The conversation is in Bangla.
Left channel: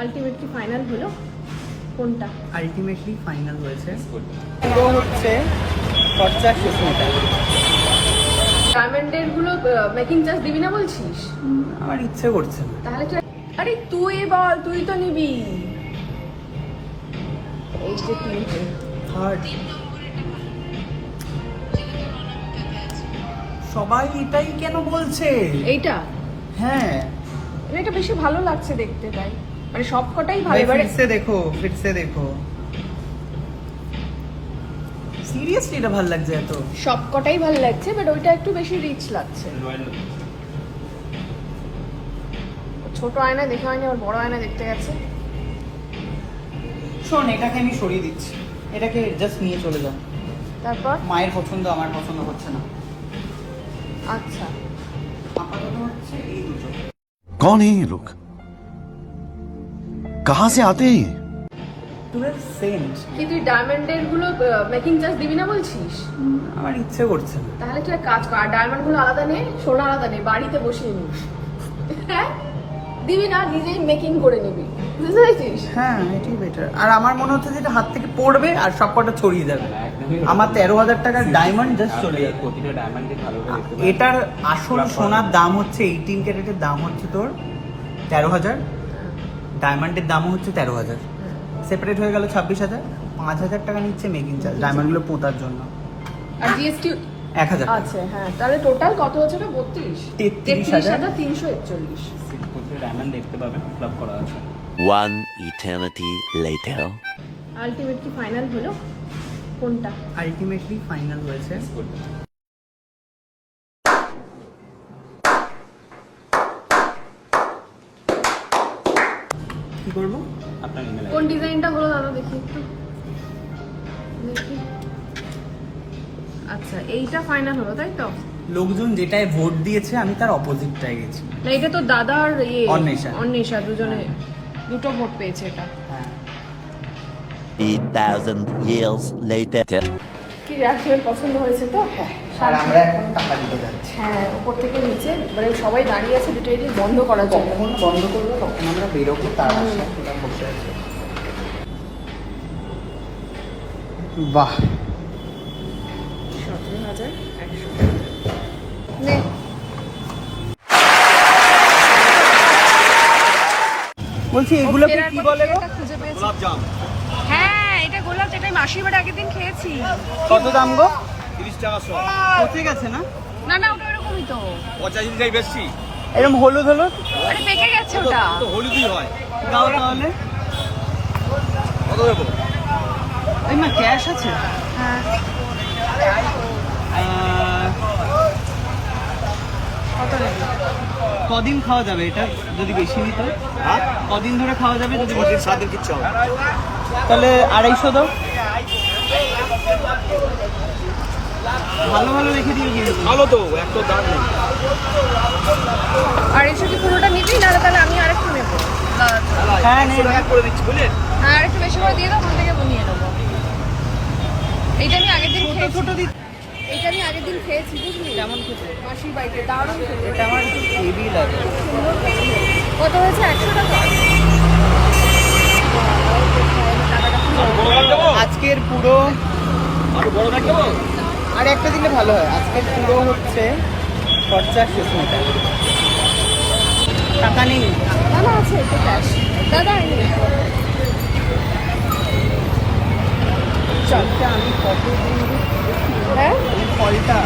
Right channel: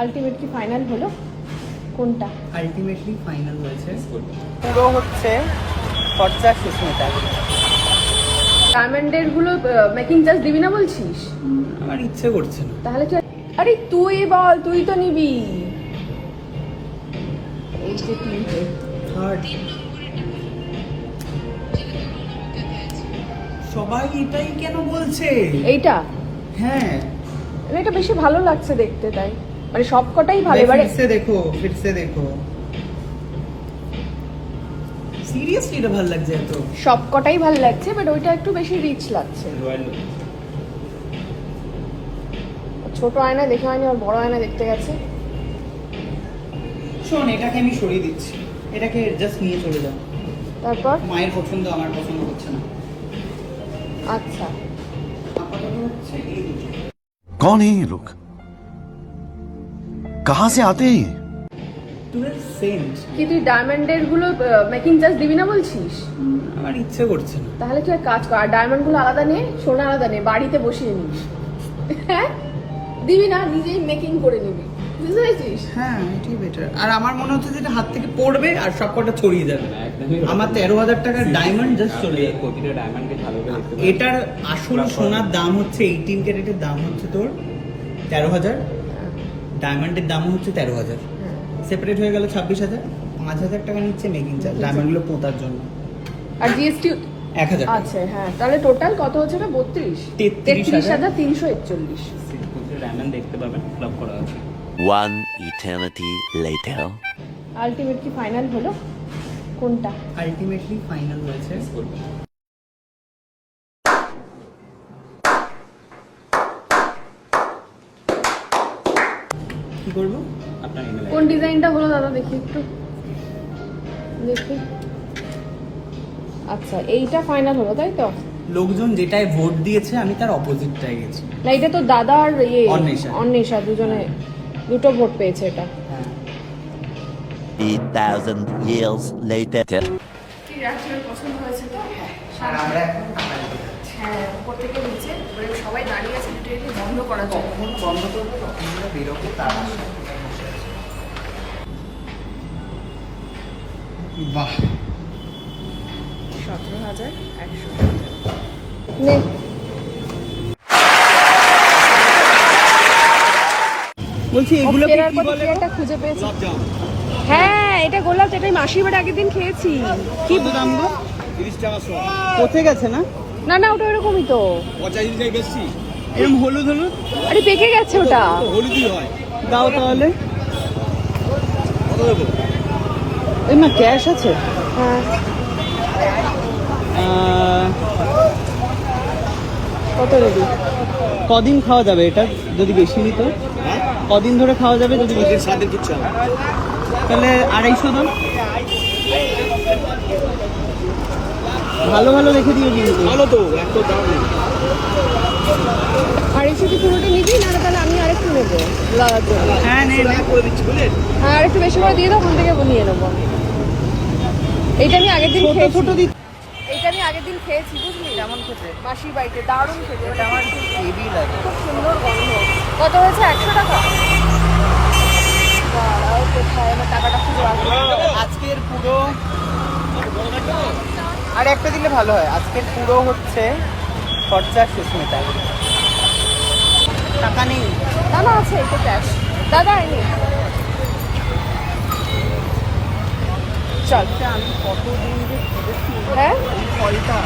আলটিমেটলি ফাইনাল হলো কোনটা? আলটিমেটলি ফাইনাল হয়েছে পুরো হচ্ছে খরচা সুস্মিতা। ডায়মন্ডের গুলো মেকিং চার্জ দিবি না বলছিস? আমার ইচ্ছে করছে না। তাহলে আরে তুই বল, তুই তো নিবি। এই যে তিনটে থার্ড সবাই এটাই কেন বলছে? এইটা হ্যাঁ এটা বেশি ভালো লাগছে দেখতে, তাই মানে সবকটাই ভালো। ভাই এবারে ফিরসে দেখো সিরিয়াসলি এটা ভালো লাগছে এত। সবকটাই ভালো লাগছে, বাট ওইটা একটু বেশি রিচ লাগছে। ছোট আয়না দেখে হয়নি, ওর বড় আয়না দেখতে গেছে। শোন, এটাকে আমি সরিয়ে দিচ্ছি, এটাকে জাস্ট নিয়ে চলে যাও। তারপর মায়ের পছন্দ আমার পছন্দ হচ্ছে না। আচ্ছা, আপাতত হচ্ছে এই দুটো। कौन है ये लोग? कहां से आते हैं? চুলের সেন্ট কি তুই ডায়মন্ডের গুলো মেকিং চার্জ দিবি না বলছিস? আমার ইচ্ছে করছে না। তাহলে তুই এক কাজ কর, ডায়মন্ড গুলো আলাদা নে, সোনা আলাদা নে, বাড়িতে বসিয়ে নিবি। হ্যাঁ, দিবি না, নিজেই মেকিং করে নিবি, বুঝতে পেরেছিস? হ্যাঁ, এটাই বেটার। আর আমার মনে হচ্ছে যেটা হাত থেকে পড়বে আর সব কটা ছড়িয়ে যাবে। আমার 13,000 টাকার ডায়মন্ড জাস্ট চলে যাবে। এটার আসল সোনার দাম হচ্ছে 18 ক্যারেটের দাম হচ্ছে তোর 13,000, ডায়মন্ডের দামও হচ্ছে 13,000, সেপারেট হয়ে গেল 26,000। 5,000 টাকা নিচ্ছে মেকিং চার্জ ডায়মন্ডগুলো পোঁতার জন্য, আর জিএসটি 1,000 টাকা। আচ্ছা, হ্যাঁ, তাহলে টোটাল কত হচ্ছে? 33,341। ডায়মন্ড দেখতে পাবেন ক্লাব করা আছে। One eternity later. Ultimately final হলো কোনটা? আলটিমেটলি ফাইনাল হয়েছে কি করবো? কোন ডিজাইনটা হলো দাদা দেখি একটু দেখি। আচ্ছা, এইটা ফাইনাল হলো তাই তো? লোকজন যেটায় ভোট দিয়েছে আমি তার অপোজিটটায় গেছি। না, এটা তো দাদার অন্বেষা দুজনে দুটো ভোট পেয়েছে এটা। হ্যাঁ, 3,000 years later. কি রাখলেন, পছন্দ হয়েছে তো? আর আমরা এখন টাকা দিতে যাচ্ছি। হ্যাঁ, উপর থেকে নিচে মানে সবাই দাঁড়িয়ে আছে, দুটো এটি বন্ধ করার জন্য। কখন বন্ধ করবো কখন আমরা বেরোবো তার আশা বসে আছে। বাহ, 17,100 নে। বলছি এগুলো ফেরার কি পথে বলে? কি একটা খুঁজে পেয়েছি। হ্যাঁ, এটা গোলাপ, যেটা আমি মাসির বাড়ি আগের দিন খেয়েছি। কত দাম গো? 30 টাকা শো। কোথায় গেছে না? না না, ওটা এরকমই তো, পচা জিনিসটাই বেশি। এরকম হলুদ হলুদ। আরে পেকে গেছে ওটা। তো হলুদই হয়। দাও তাহলে। কত দেবো? ওই মা ক্যাশ আছে? হ্যাঁ, কত দিবি? কদিন খাওয়া যাবে এটা যদি বেশি নিত? হ্যাঁ? কদিন ধরে খাওয়া যাবে যদি বেশি? 7 দিন কিচ্ছু হবে না। তাহলে 250 দাও। ভালো ভালো রেখে দিও কিন্তু। ভালো তো, এত দাম নেই। আর এসে কি পুরোটা নিবি, না তাহলে আমি আরেকটু নেবো লাগার জন্য? হ্যাঁ নে নে। করে দিচ্ছি বুঝলেন? হ্যাঁ, আরেকটু বেশি করে দিয়ে দাও, ওখান থেকে নিয়ে নেবো। এইটা আমি আগের দিন ছোট খেয়েছি। ছোট দিই। এইটা আমি আগের দিন খেয়েছি, বুঝলি? কেমন খেতে? মাসির বাড়িতে দারুণ খেতে। এটা আমার হেভি লাগে। খুব সুন্দর গন্ধ। কত হয়েছে? 100 টাকা। বাড়াও কোথায়, আমার টাকাটা খুব আজকের পুরো আর একটা দিলে ভালো হয়। আজকের পুরো হচ্ছে খরচা সুস্মিতা। টাকা নেই। দাদা আছে একটু ক্যাশ। দাদা আইনি। চালটা আমি কতদিন ধরে খুঁজেছি। হ্যাঁ, এই ফলটা